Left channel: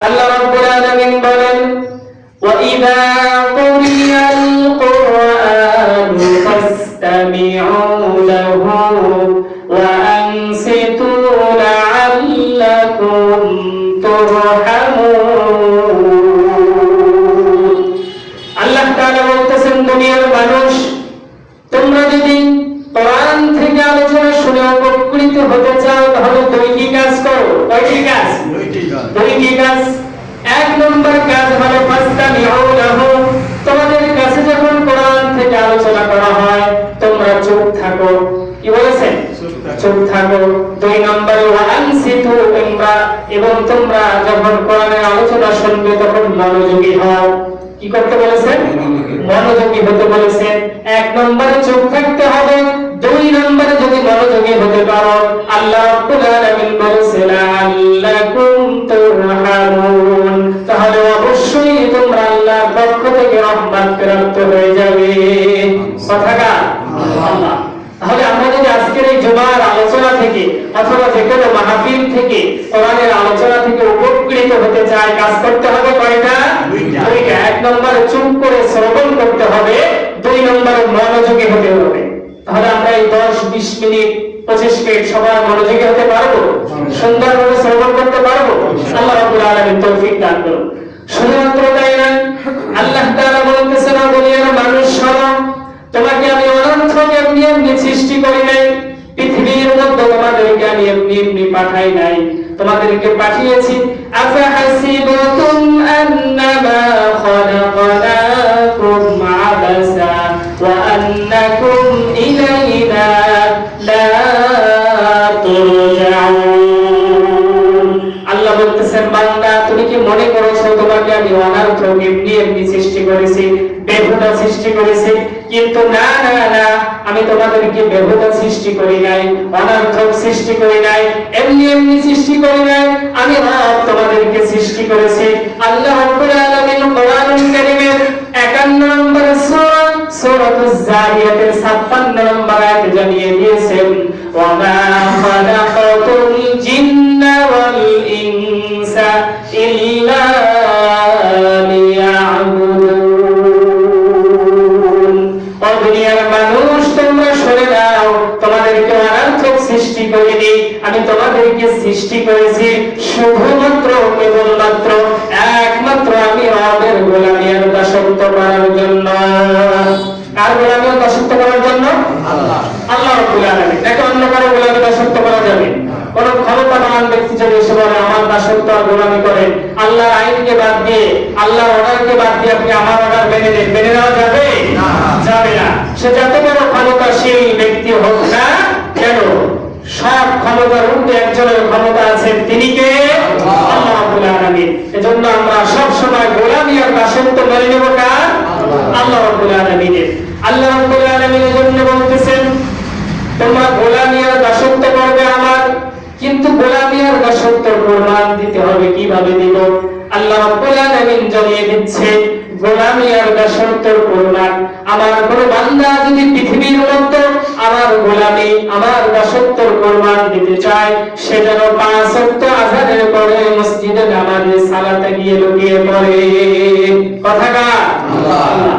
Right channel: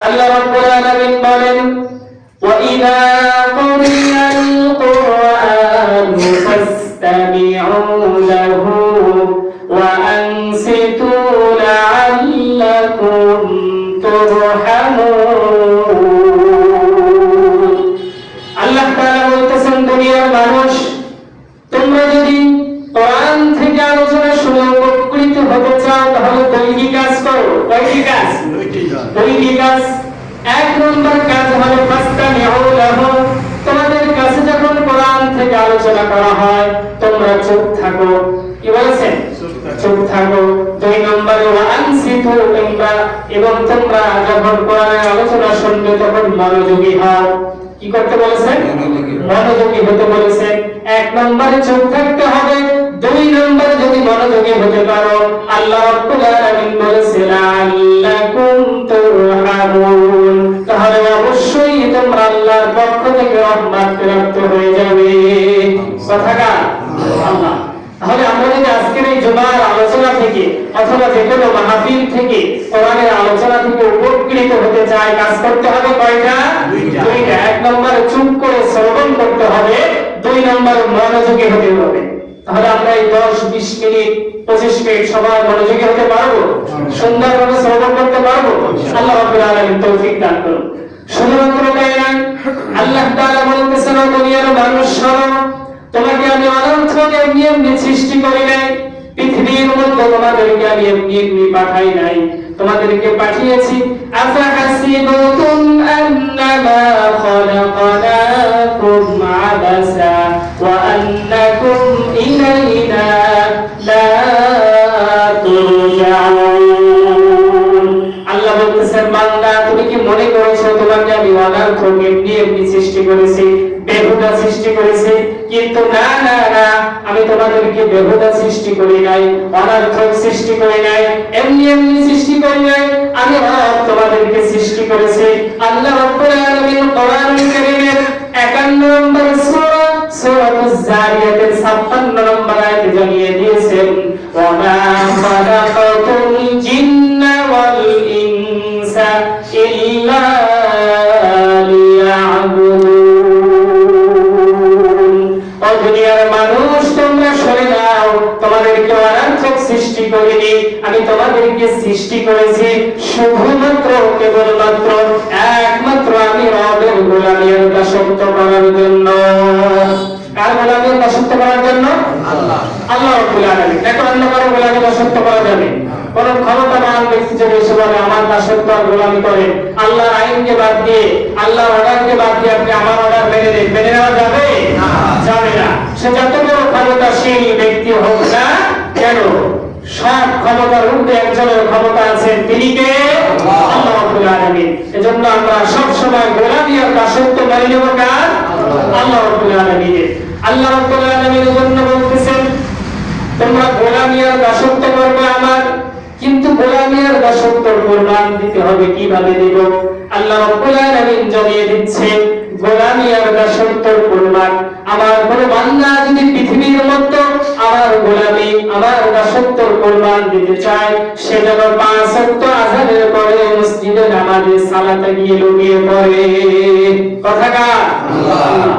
আল্লাহ রাব্বুল আলামিন বলেন ওয়াইদা কুরিয়াল কুরআন ফাসতামিউ লাহু ওয়া আনসিতু লাআল্লাকুম তুরহামুন। আল্লাহ তাআলা বলতেছেন, দুনিয়ার মানুষ, তোমরা যদি কোরআন থেকে আলোচনা শুনে উপকৃত হতে চাও তাহলে দুইটি কাজ করো। কয়টি কাজ? দুইটি কাজ। এক নম্বর কাজ হলো ফাসতামিউ লাহু, তোমাদের কাছে যখন কোরআন থেকে আলোচনা করা হয় তোমরা চুপ থাকো। কি বলেছেন? চুপ থাকো। দুই নম্বর ওয়া আনসিতু, এবং তোমরা যখন কোরআনের আলোচনা শুনবে তখন মনোযোগী হও। কি করতে বলেছেন? মনোযোগী হতে বলেছেন। এক নম্বরে চুপ থাকতে হবে, দুই নম্বরে যদি মনোযোগী হতে পারো আল্লাহ রাব্বুল আলামিন বলেছেন আল্লাকুম তুরহামুন, তাহলে অবশ্যই তোমরা আল্লাহর পক্ষ থেকে রহমত প্রাপ্ত হয়ে যাবে। কথাটা আল্লাহ। তাহলে আমরা যদি আজকের এই জুমার আলোচনা থেকে অথবা যে কোনো মাহফিল থেকে কোরআনের আলোচনা থেকে উপকৃত হতে চাই, কাজ করতে হবে কয়টা? দুইটা। এক নম্বরে চুপ করে শ্রবণ করতে হবে, দুই নম্বরে মনোযোগী হতে হবে। তাহলে আমরা এই 10-20 মিনিট 25 মিনিট সবাই মনোযোগী হতে পারবো, সুন্দরভাবে শ্রবণ করতে পারবো। আল্লাহ রাব্বুল আলামিন তৌফিক দান করুন। শুধুমাত্র তাই নয়, আল্লাহ তাআলা বলতেছেন, দুনিয়ার মানুষ শোনো, তোমাকে আমি অনন্তকে এমনি এমনি সৃষ্টি করি নাই, পৃথিবীর মধ্যে তোমাদেরকে আমি এমনি এমনি পাঠাই নাই, তোমাদেরকে পাঠিয়েছি আফাহাসিবতুম আন্নামা খালাকনাকুম আবাসা ওয়া আন্নাকুম ইলাইনা লা তুরজাউন। আল্লাহ বলতেছেন, বান্দা তুমি কি মনে করেছো তোমাকে আমি অনর্থক এমনি এমনি সৃষ্টি করেছি, বেহুদা সৃষ্টি করেছি? কিন্তু না না না, আমি তোমাদেরকে বেহুদা সৃষ্টি করি নাই, অনর্থক সৃষ্টি করি নাই, এমনি এমনি সৃষ্টি করি নাই। আমি রব তোমাদেরকে সৃষ্টি করেছি। আল্লাহ রাব্বুল আলামিন কোরআনুল কারীমের 51 নম্বর সূরা সূরাতুজ জারিয়াতের 56 নম্বর আয়াতে জানিয়ে দিয়েছেন, ওয়া মা খালাকাতুল জিন্না ওয়াল ইনসা ইল্লা লিয়াবুদুন। ও দুনিয়ার মানুষ, তোমরা শুনে নাও, তোমাদেরকে অনর্থক সৃষ্টি করিনি, আমি তোমাদেরকে সৃষ্টি করেছি শুধুমাত্র কেবলমাত্র একমাত্র আমি রবের গোলামীর দাসত্ব করার জন্য। কার গোলামীর দাসত্ব করার জন্য? আল্লাহ রাব্বুল আলামিন। দেখো, অন্য কারো গোলামীর দাসত্ব করা যাবে? কোন ক্ষমতাবান ব্যক্তি যদি এসে বলে আমার দাসত্ব আর গোলামি করে, আল্লাহর আইনকে বাদ দিয়ে, আল্লাহর অর্ডারকে বাদ দিয়ে আপনি আমার অর্ডার মেনে নেন, মেনে নেওয়া যাবে? যাবে না। সে যত বড় ক্ষমতাশীল ব্যক্তি হোক না কেন, সব ক্ষমতার ঊর্ধ্বে একজনের ক্ষমতা আছেন, তিনি কে? আল্লাহ রাব্বুল আলামিন। এজন্য আমরা সব সময় গোলামি আর দাসত্ব মেনে নেব কার? আল্লাহ রাব্বুল আলামিনের। আল্লাহ রাব্বুল আলামিন এজন্য বলতেছেন, তোমরা গোলামি আর দাসত্ব করবে আমার, কিন্তু গোলামি আর দাসত্বের প্রমাণ দিতে হবে। কিভাবে দিব? আল্লাহ রাব্বুল আলামিন জানিয়ে দিচ্ছে গোলামি আর দাসত্বের প্রমাণ। আমার কোন বান্দা যদি পৃথিবীর মধ্যে আমার গোলামি আমার দাসত্বের প্রমাণ দিতে চায়, সে যেন 5 ওয়াক্ত আযানের পরে মসজিদে নামাজে সালাতে গিয়ে লুকিয়ে পড়ে। কথাকার আল্লাহ।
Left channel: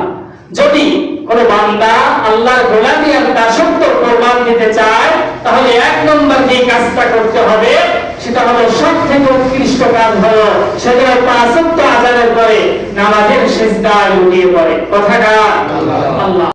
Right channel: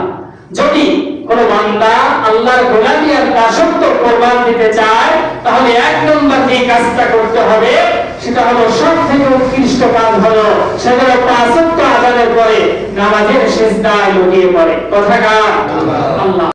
যদি কোন বান্দা আল্লাহর গোলামি আর দাসত্বের প্রমাণ দিতে চায় তাহলে এক নম্বর যে কাজটা করতে হবে সেটা হলো সবথেকে উৎকৃষ্ট কাজ হলো সেটা 5 ওয়াক্ত আযানের পরে নামাজের সিজদায় লুটিয়ে পড়ে। কথাকার আল্লাহ।